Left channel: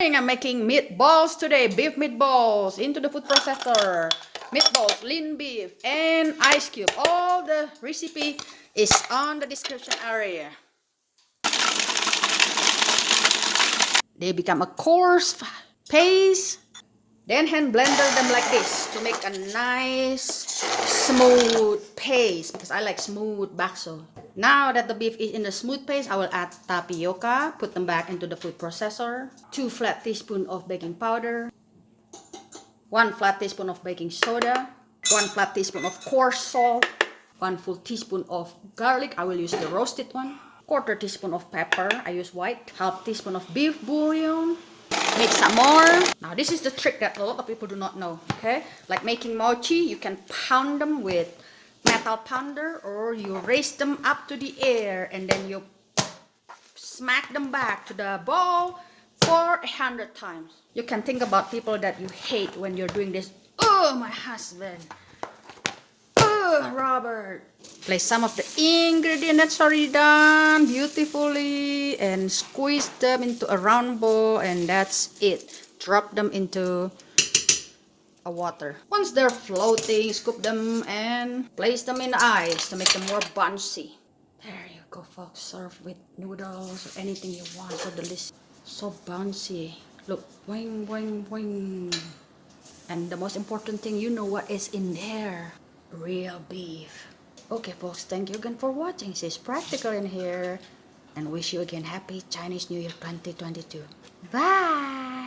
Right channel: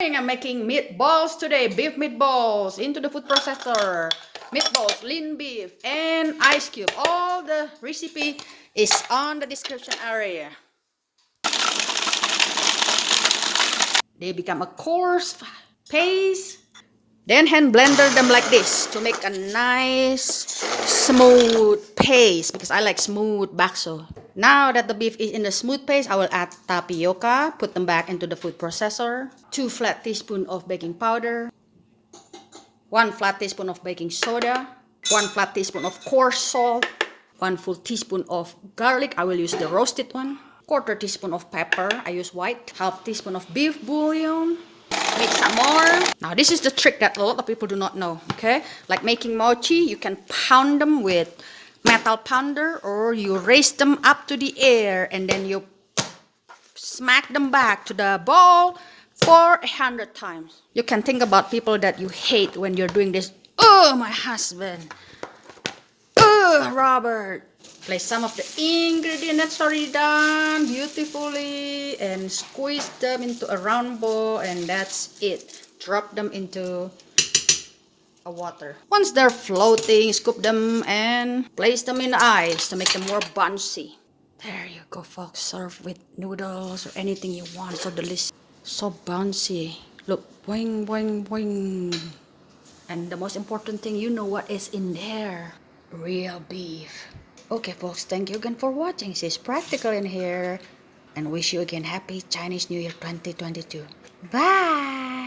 I'm making meatballs today, beef meatballs into the food processor. Meatballs, lean beef, and ice cube. All the recipe is on the description area. They become a coarse paste. Then hand blender them like this to make a nice smooth paste because I like smooth bakso. Now that the beef is in the smooth paste, I will add tapioca, put them back into the food processor. 2 flat teaspoons of baking powder. 1 flat teaspoon of baking soda. 1 flat teaspoon of coarse salt. 1 full teaspoon of garlic. I will use the roasted one. 1/4 teaspoon of pepper. I use white. 1/2 teaspoon of beef bouillon. Mix some more. Now this is the trick that a lot of people do not know. Okay, like making mochi, you can pound them with metal pounder, or you raise them up to the air and then you smack them back to the bowl for 100 times. You can think about people that you hate when you're doing this. Oh, my husband. Oh, Robert. Place some of the ingredients that's already done beautifully and squeeze them into a round bowl, and that's it. Drop them into a water. Once they're floating, scoop them and place them in the ice to make them more bouncy. There you go, folks. Serve with noodles or anything you want. So delicious. So bouncy. Look, boing, boing, boing. And the most important thing, you know what is in there. Real beef. Okay, folks. Thank you again for watching. It's practical in here. And wish you again happy Chinese New Year 2022. Bye.